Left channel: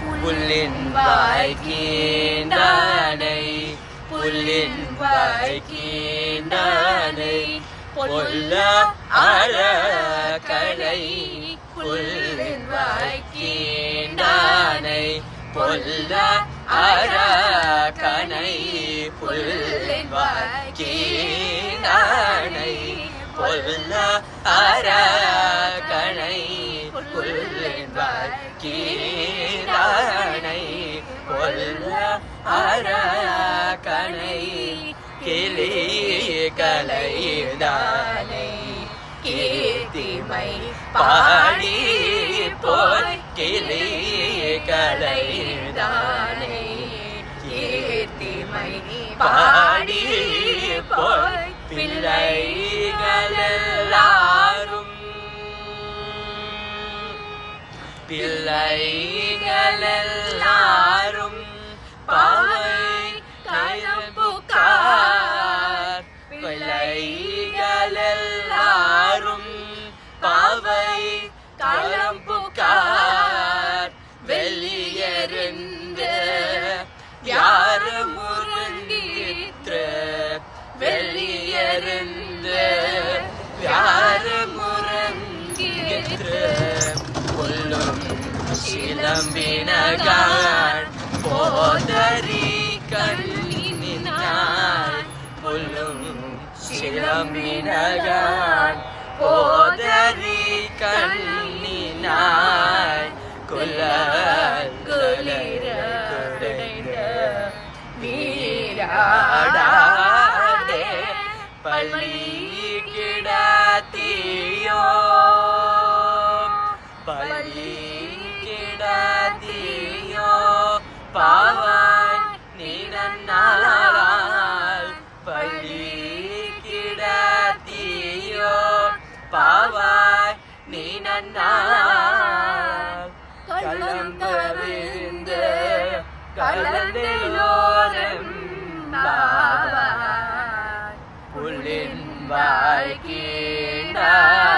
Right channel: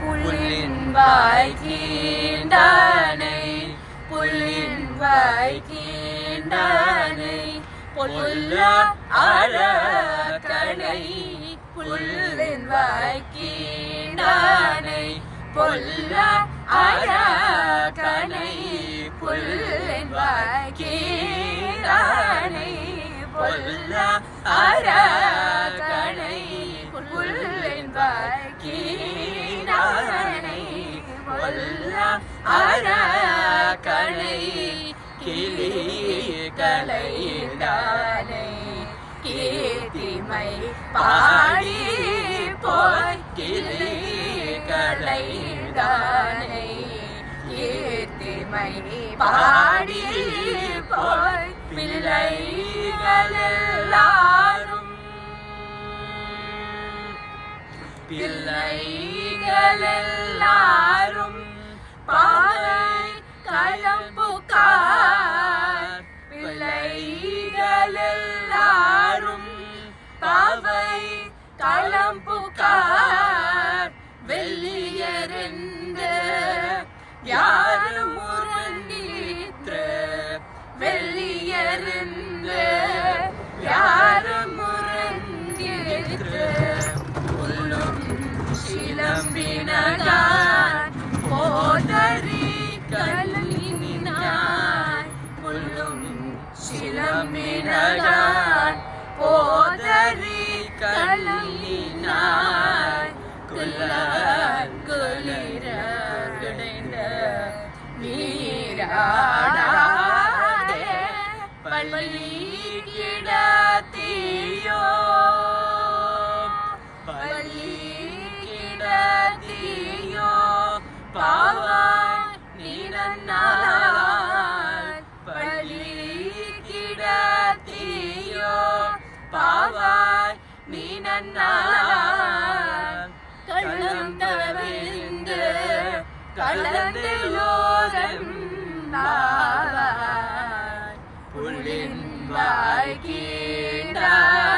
புல்லின் வாய் கீண்டானை புல்லின் வாய் கீண்டானை பொல்லா அரக்கனை புல்லின் வாய் கீண்டானை பொல்லா அரக்கனை புல்லின் வாய் கீண்டானை பொல்லா அரக்கனை புல்லின் வாய் கீண்டானை பொல்லா அரக்கனை கிளி கலைந்தானை கீர்த்திமை பாடி போய் கிளி கலைந்தானை கீர்த்திமை பாடி போய் பிள்ளைகளெல்லாரும் பிள்ளைகளெல்லாரும் பாவை களம்புகார் பிள்ளைகளெல்லாரும் பாவை களம்புகார் வெள்ளியறிந்து யாரும் முறங்கிற்று வெள்ளியறிந்து யாரும் முறங்கிற்று புல்லும் சிலம்பினகார் போதரி கண்ணினார் புல்லும் சிலம்பினகார் போதரி கண்ணினார் குளிர கிடைந்த நீராடாதே பள்ளி கிடத்தியோ பள்ளி கிடத்தியோ பாவாய் நீ நன்னாள் பள்ளி கிடத்தியோ பாவாய் நீ நன்னாள் கள்ளம் தவிர்ந்து கலந்தையோரம் பாவாய் புல்லின் வாய் கீண்டாய்